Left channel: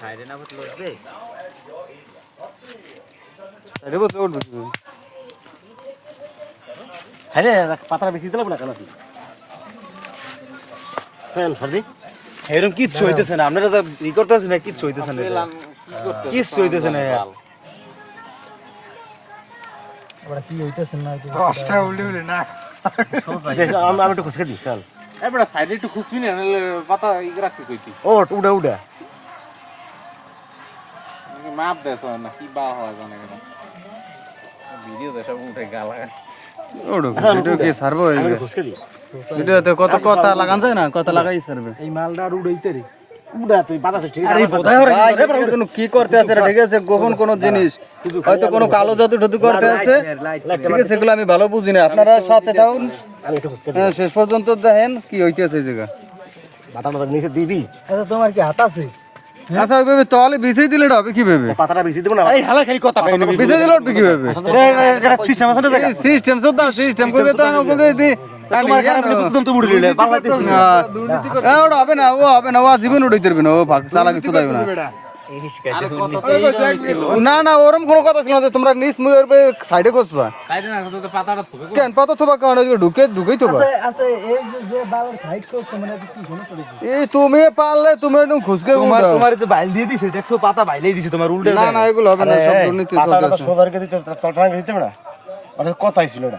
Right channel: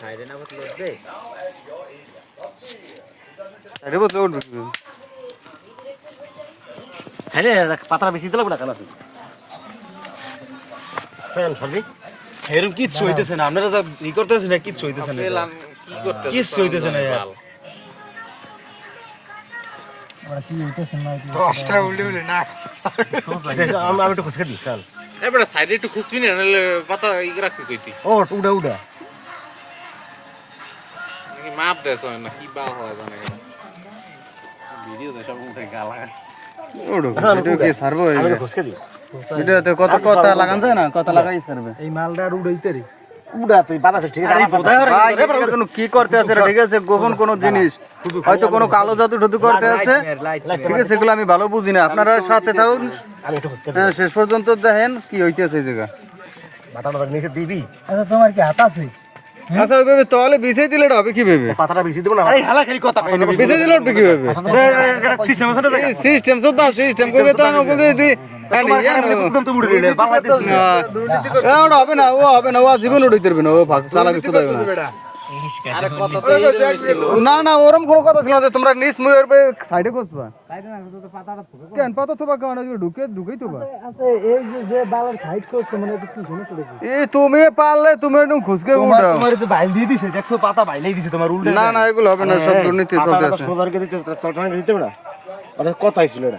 সাইডে না বসলে উঠবে সাইডে বসলে উঠবে কি সাইডে পাতাটা বেশি দিলে না কেন চল সর্দি এরকম কিচ্ছু হইতেছে না আপনারা যা ই করতেছেন না কিচ্ছু হইতেছে না কি করতে কিচ্ছু হইতেছে না ওরা কি হইতেছে না কষ্ট উল্টে উল্টে না আমি একটু খুশকে দিই চল এবারে সাইডে একটু খুশবি না নাহলে পাতা ই রাখতে কইতি ও উড়া উড়া নাকি মাপ দেছ না কি বা হয় জানা ভিডিও দেখা উঠে গালা ওড়ো ভিডিও কি সারবো এই খুশকে দিই ভিডিওতে কত কথা লাগান যায় না কথা লাগাই সারবে এই মালটা উড়াইতে রে উড়া তুই বাবা ঠিক আছে ভাই কোনো কি করতে আছে ঠিক আছে গোপন কোন জিনিস হয়তো কোনো কালো জাদু টাদু করতে আছে ঠিক আছে সেগুলো আমি ভালো বুঝি না আপনারা সাথে থাকুন আমি একটু খুশকে শেষ পর্যন্ত দেখেন কি হইতেছে এই জায়গা বাতাটা নিচে দিবি আচ্ছা তোমার কি হাত আছে আচ্ছা ওইভাবে তাহলে বিছাই দিলে এটা হবে কিভাবে পাতাটা বেশি দেব না এই হালা খালি কথা কই বিছাই দিলে হবে কিভাবে সিস্টেম আছে না সিস্টেম সুদ্ধা সিস্টেম করে তো না বলে দি একদম তো মুড়ি লইলে বাংলাদেশ ওটা হবে না ও হবে না ও জীবন উড়াইতে পারবে না ও ভাগ চালা কিছু দেবে না না না ওরম কোনো কথা ছিল না যে তোমরা নিস মুয়ের সাইডে বসবা সাইডে না তো পাতাটা থুবে কেন পাতা থুবা কারণ ঢুকেই তো আচ্ছা এই যে বাবার সাইড করছে মানে কি জিনিস এই তুমি পারলে তুমি একদম খুশকে উঠাও তোমার যে বাইল দিয়ে দিছে দেখছো পাতা বাইলেই দিছে তোমার উল্টে না না এগুলো হবে না সব দুর্নীতি চলতে আছে সবারকে দিতে চলটা দিতে না আর কথা ছিল না